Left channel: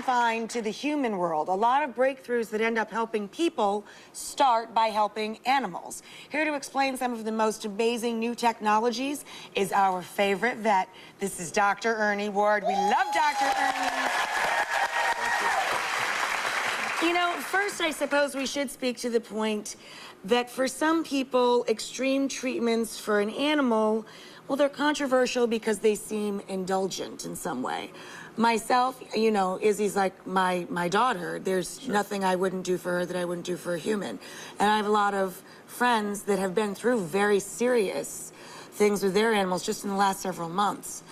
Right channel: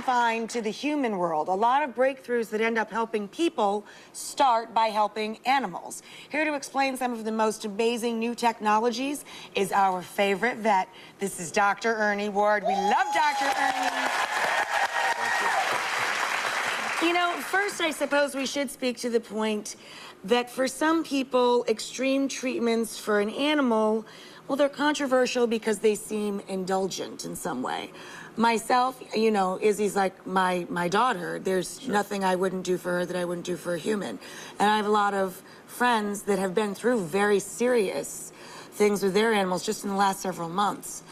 confined to the human world. A lot of breakthroughs that end up helping people start by helping animals. Here to explain some of the most amazing new technologies is our favorite vet. This is Dr. Ernie Ward. We love Dr. Ernie. You know, first, I suppose we should speak to the point that for some people, extreme treatments for an animal, well, they're controversial because they seem indulgent in some way. Myself, you know, Izzy's like my daughter. There's nothing I wouldn't do for her that I wouldn't do for a human. And I have a lot of friends that have been through very serious things with their animals just in the last several months.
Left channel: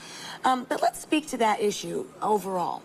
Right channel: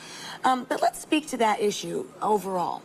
But let's speak to that issue overall.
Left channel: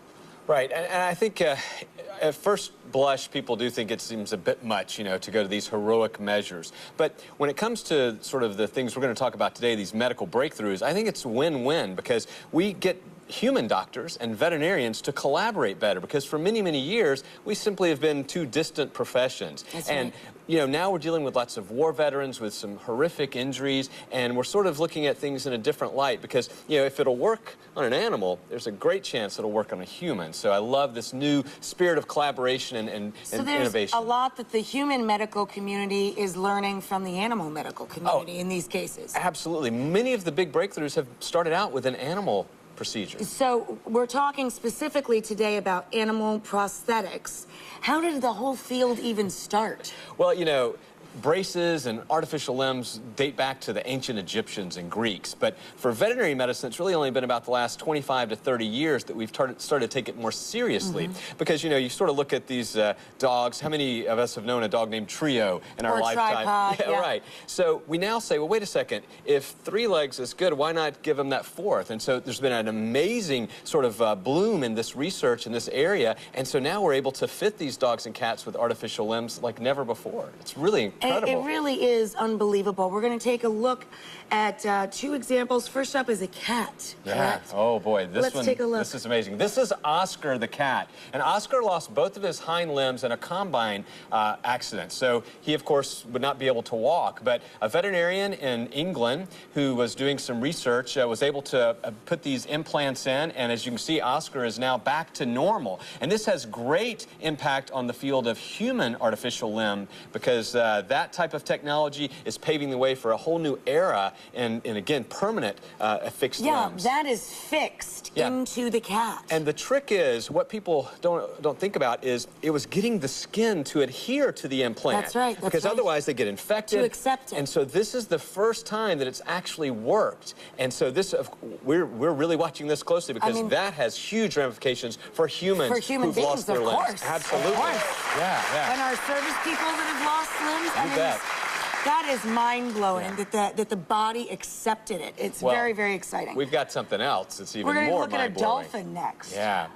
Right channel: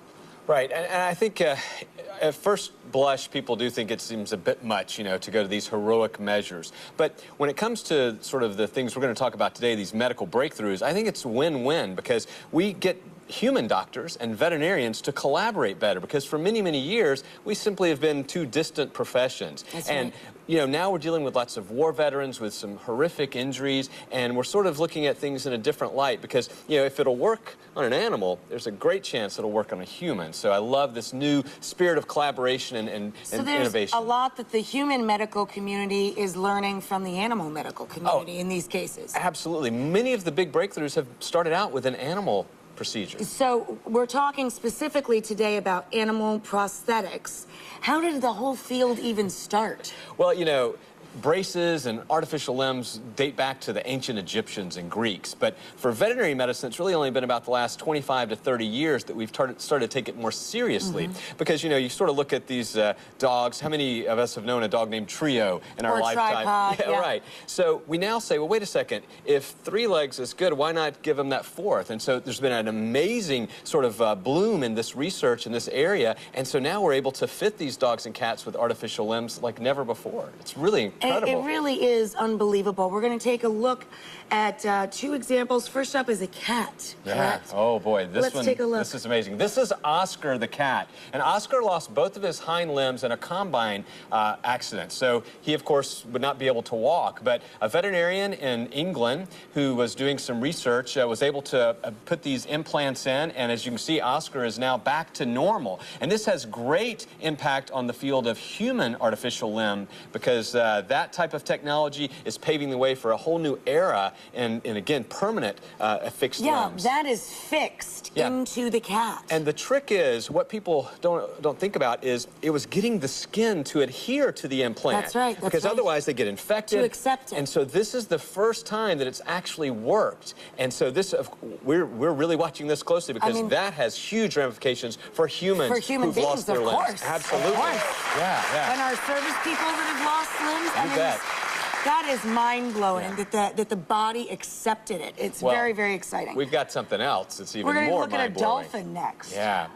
Right, and I think at first blush, people do think it seems a bit much, you know, to go to these heroic measures. But when it comes to sort of the things we're going to talk about today, these medical breakthroughs, I think it's win-win because we get human doctors and veterinarians to collaborate better because for many, many years, we simply have been two distant professions. That's and, right. you know, now we're dealing with lots of war veterans with some horrific injuries, and we're sort of looking at things in a different light because, you know, if it'll work on an animal, there's a great chance it'll work on a human. So I love this new spirit of collaboration and innovation. So there's a lot that the human medical community is learning from the animal medical community in these cases. Absolutely. Many of the big breakthroughs have started out with an animal procedure. So we're talking specifically today about animal prosthetics. How did the whole field even start? Well, you know, braces and artificial limbs date back to the ancient Egyptians and Greeks. But for veterinary medicine, it's really only been about the last 25 to 30 years that we've started to take it more seriously. Because, you know, you sort of look at these dogs. How many of us have known a dog named Trio in our lifetime? Tripod, yeah, right. So we now say, well, wait a second. If 3 legs is good, why not give them that 4th? And so there's been an amazing sort of bloom in this research in this area. And so now we're able to fit these dogs and cats with artificial limbs like never before. It's really incredible. It really is unbelievable. We're going to take a look at 2 examples. First up is a cat. Yeah. Oh, boy. Let's take a look. This is amazing. This is Oscar the cat. And Oscar lost both of his hind limbs in a combine accident. So he, of course, would not be able to walk. But a veterinarian in England who was doing some research was able to put these implants in. And as you can see, Oscar is now back to normal. And this has great impact on the field of human artificial limb because that type of technology is paving the way for a whole new era in again, permanent fixed limbs. Yeah, that is fixed into the cat. And the trick is, what people don't think about is it was getting the skin to adhere to the implant. That's right. Because otherwise they get infected. To accept it. And so this is the first time that it's actually worked. And so this, we're really watching this closely because that has huge ramifications for humans who've lost their limbs. Absolutely. Of course. Yeah. And our service people that have lost limbs. You bet. That is mind-blowing that the body accepted it. It's very, very exciting. We've got something else that's even more mind-blowing. We're going to look at a dolphin next. Yeah.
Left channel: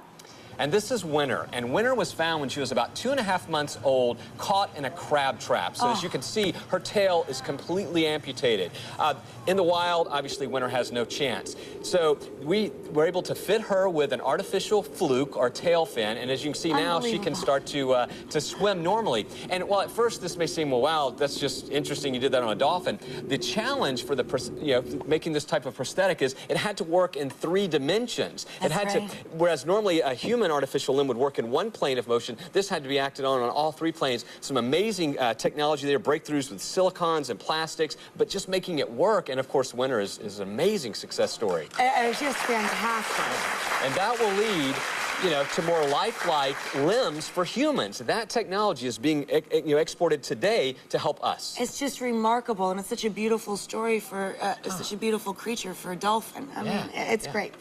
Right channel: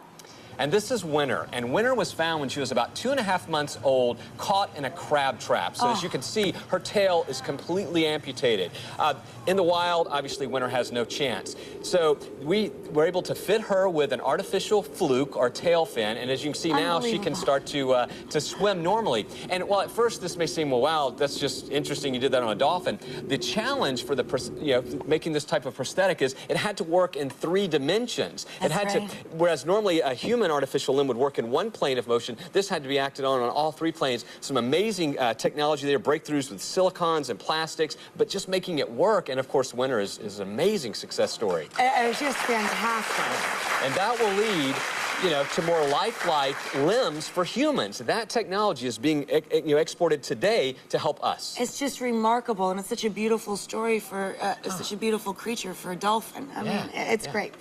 And this is Winter. And Winter was found when she was about 2.5 months old, caught in a crab trap. So as you can see, her tail is completely amputated. In the wild, obviously, Winter has no chance. So we were able to fit her with an artificial fluke or tail fin. And as you can see now, she can start to swim normally. And while at first this may seem, well, wow, that's just interesting you did that on a dolphin, the challenge for making this type of prosthetic is it had to work in 3 dimensions. Whereas normally a human artificial limb would work in 1 plane of motion, this had to be acted on all 3 planes. Some amazing technology there, breakthroughs with silicons and plastics, but just making it work. And of course, Winter is an amazing success story. It's just fantastic. And that will lead, you know, to more lifelike limbs for humans. That technology is being exported today to help us. It's just remarkable, and it's such a beautiful story for such a beautiful creature for a dolphin. I mean, it's great.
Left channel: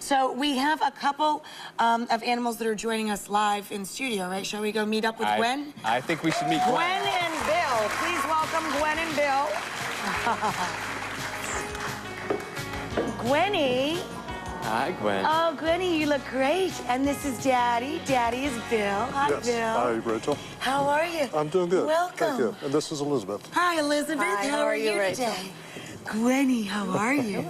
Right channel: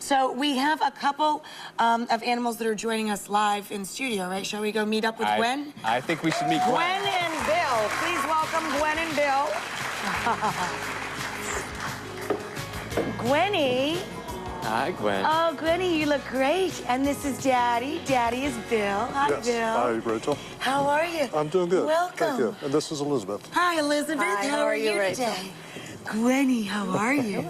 So we have a couple of animals that are joining us live in studio, right? Shall we go meet up with Gwen? I think we should meet Gwen. Gwen and Bill. Please welcome Gwen and Bill. Gwenny. Hi, Gwen. Oh, Gwenny, you look great. And this is Daddy. Daddy is Bill. Hi, Yes. Bill. Hi, Rachel. How are you? I'm doing good. Welcome. Thank you. And this is Elizabeth. Hi, Elizabeth. Hi, how are you today? Gwenny, how are you?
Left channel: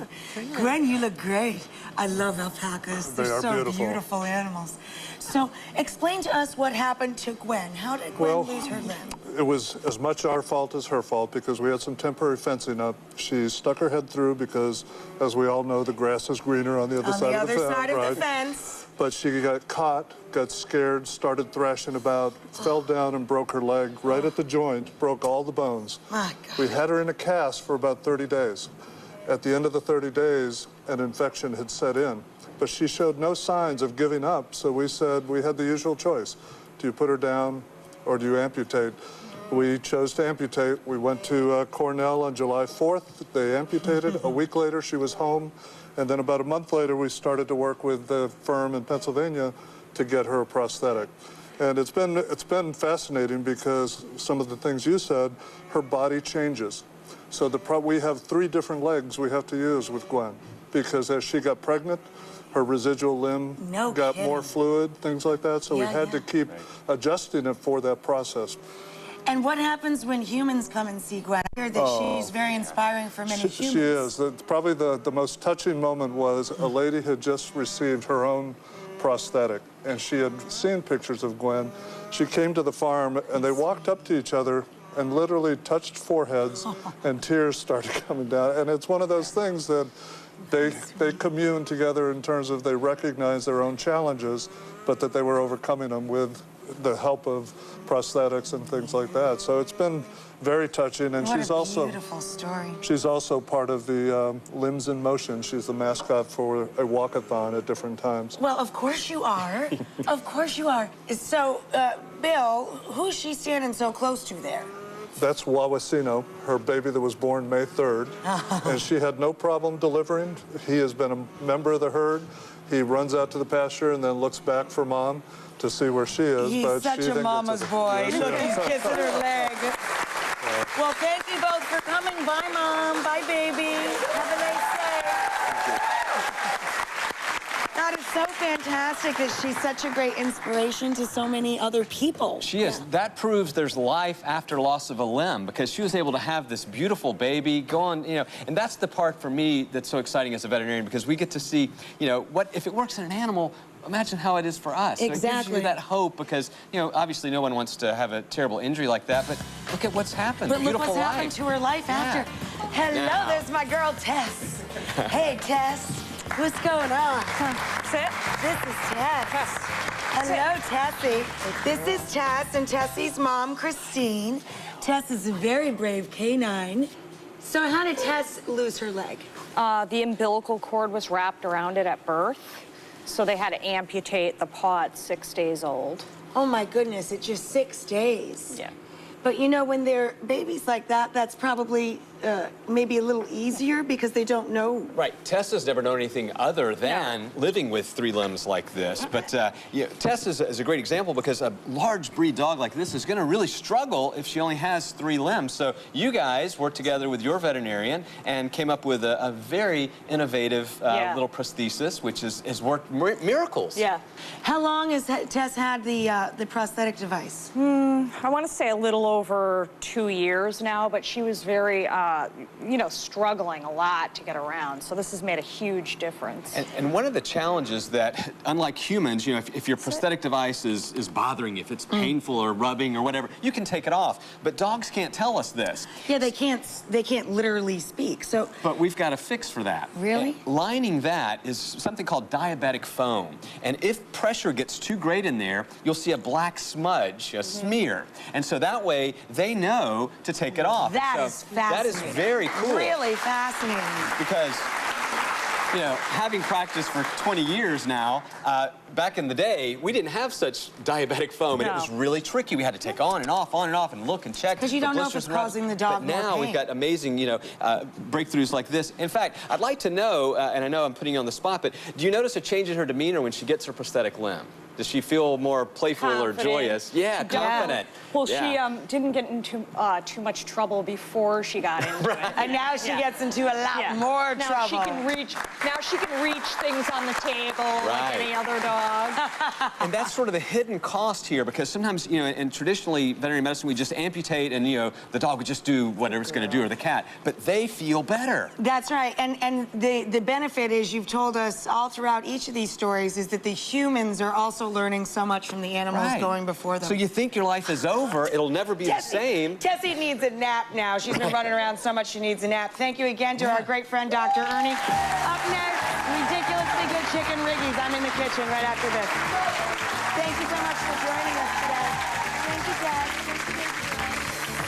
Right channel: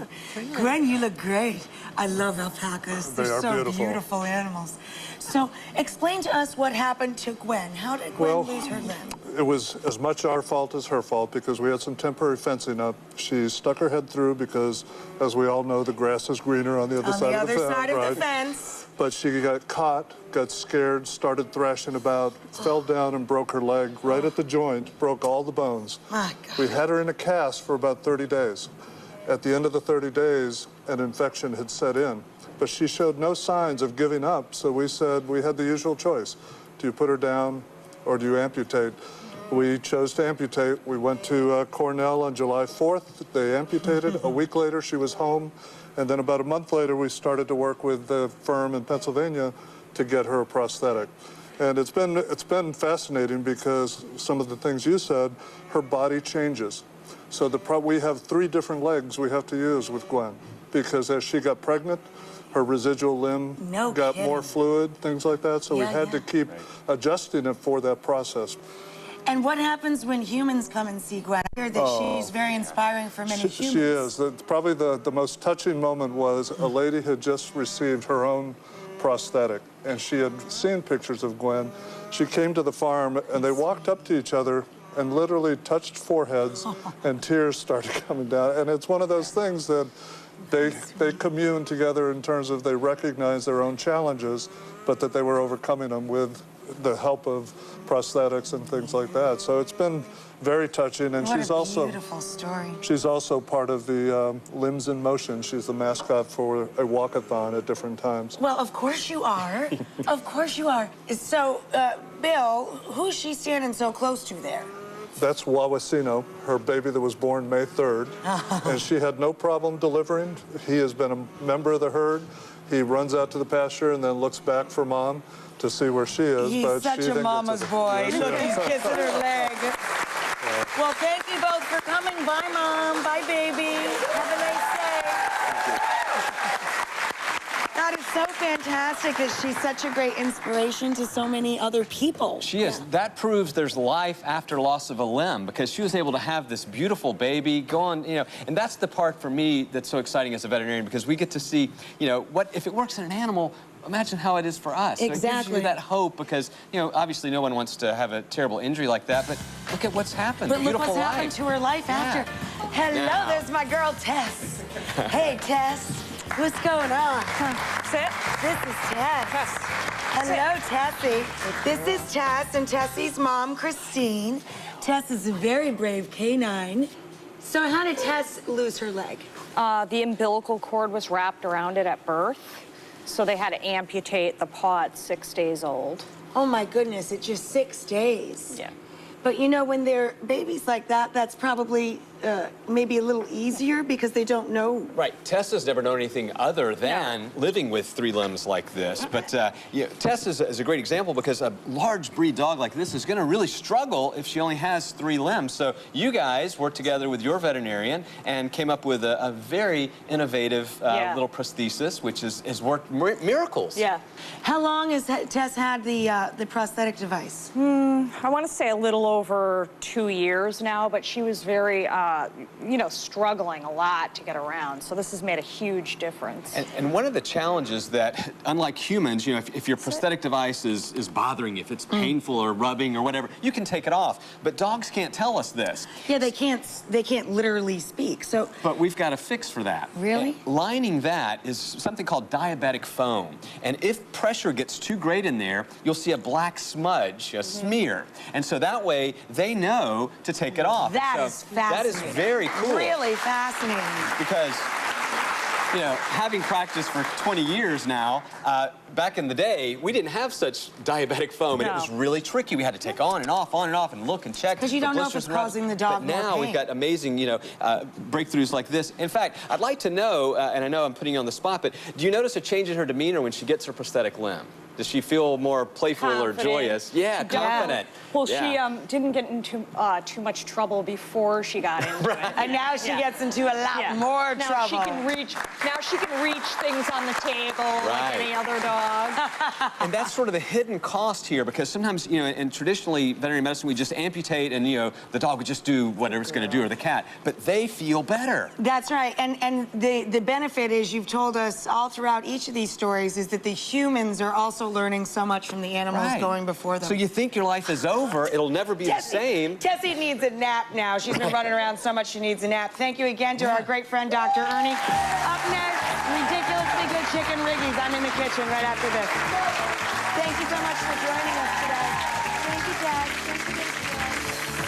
Gwen, you look great. I love alpacas. They're so beautiful animals. So, explain to us what happened to Gwen. How did Gwen lose her limb? It was as much our fault as her fault because we had some temporary fencing up. She stuck her head through because, as we all know, the grass is greener on the other side of the fence. On the other side of the fence. But she got caught, got scared, started thrashing about, fell down and broke her leg right at the joint, broke all the bones. My God. We had her in a cast for about 30 days. At the end of the 30 days, an infection had set in. But she showed no signs of giving up, so we said we had the usual choice. Do you put her down or do you amputate? We chose to amputate. We went to Cornell on July 4th. They amputated. A week later, she was home. And then about a month later, we started to work with the firm in Pennsylvania to get her a prosthetic. And it's been fascinating because some of the things you said, her body changes. So we have 3 different legs we have to use with Gwen because as she got pregnant, her residual limb got more fluid, things like that. So we had to keep adjusting it for that process. And what happens when humans come and see Gwen? I heard that she's very inspiring for many humans. She is. Probably the most touching moment was a lady had just received her own prosthetic, and she had seen pictures of Gwen. She came to the farm, and they walked up to each other and literally touched foreheads, and tears started coming down. And it's one of those things that they commune together in terms of they recognize their own challenges, but that they were overcoming them with the help of prosthetics and things like that. So it's been very touching, and she's also beautiful story. She's also part of the Limbs in Motion. She's the mascot for a walkathon at different times. Well, of course you are. Of course you are. So, Bill, who's she standing so close to there? That's Wawasino, her baby that was born May 3rd, and she had no problem delivering. He has been a member of the herd. He runs out to the pasture and then looks back for mom to see where she is. He's such a mama's boy. Look, he's kissing her leg. Well, thank you both for coming. Bye, Mom. Bye, baby. Have a nice day. That is so fantastic that she's such a great inspiration to so many other people. She is. That proves there's life after loss of a limb because she was able to have this beautiful baby go on, and that's the part for me that's so exciting as a veterinarian because we get to see, what if it works in an animal, imagine how it is for us. Exactly. So it gives you that hope because, obviously no one wants to have a terrible injury like that, but look at what's happened. But look what's happened to her life after. Hello, there's my girl, Tess. Hey, Tess. What's going on? Sit. This is Tess. Hello, Tessie. This is Tess and Tessie's mom, Christine. Tess is a very brave canine. So how did Tess lose her leg? The umbilical cord was wrapped around it at birth. So they had to amputate the paw at 6 days old. Oh my goodness, it's just 6 days. Yeah. But when they're babies like that, that's probably maybe a little easier because they don't know. Right. Tess has never known anything other than living with 3 limbs like this. But Tess is a great example because a large breed dog like this is going to really struggle if she only has 3 limbs. So you guys worked together with your veterinarian and came up with a very innovative little prosthesis, which has worked miracles. Yeah. How long has Tess had the prosthetic device? I want to say a little over 2 years now, but she was very, struggling a lot to get around. So this has made a huge difference. And one of the challenges that, unlike humans, if your prosthetic device is bothering you, if it's painful or rubbing or whatever, you can take it off. But dogs can't tell us this. Yeah, they can't literally speak. So. But we've got a fix for that. Really? Lining that is something called diabetic foam. And if pressure gets too great in there, you'll see a black smudge, a smear. And so that way, they know to take it off. That is fascinating. That is very cool. Really fascinating. Because, having practiced for 20 years now, back in the day, we didn't have such diabetic foam, and it was really tricky. We had to take on and off, and look and check. Because you don't know if it's causing the dog more pain. But now we've got amazing, breakthroughs like this. In fact, I'd like to know, and I know I'm putting you on the spot, but do you notice a change in her demeanor when she gets her prosthetic limb? Does she feel more playful Confident. or joyous? Yeah, confident. Well, Yeah. she didn't get into too much trouble before she got into it. And now she gets into a lot more now trouble. She can reach things on the table like any other dog. And that's sort of the hidden cost here, because sometimes, you know, in traditionally veterinary medicine, we just amputate and, you know, the dog would just do whatever it's going to do, or the cat. But they feel better. That's right. And the benefit is, you've told us all throughout each of these stories, is that the humans are also learning so much from the animals going before them. So you think your life is over, it'll never be the same. Tessie needs a nap now. She's been running around so much she needs a nap. Thank you again to our great friend, Dr. Ernie. Up next, ridiculously good chicken riggies. I'm in the kitchen right after this. Thank you so much for joining us today. Thank you, Dad. Thank you, Dad.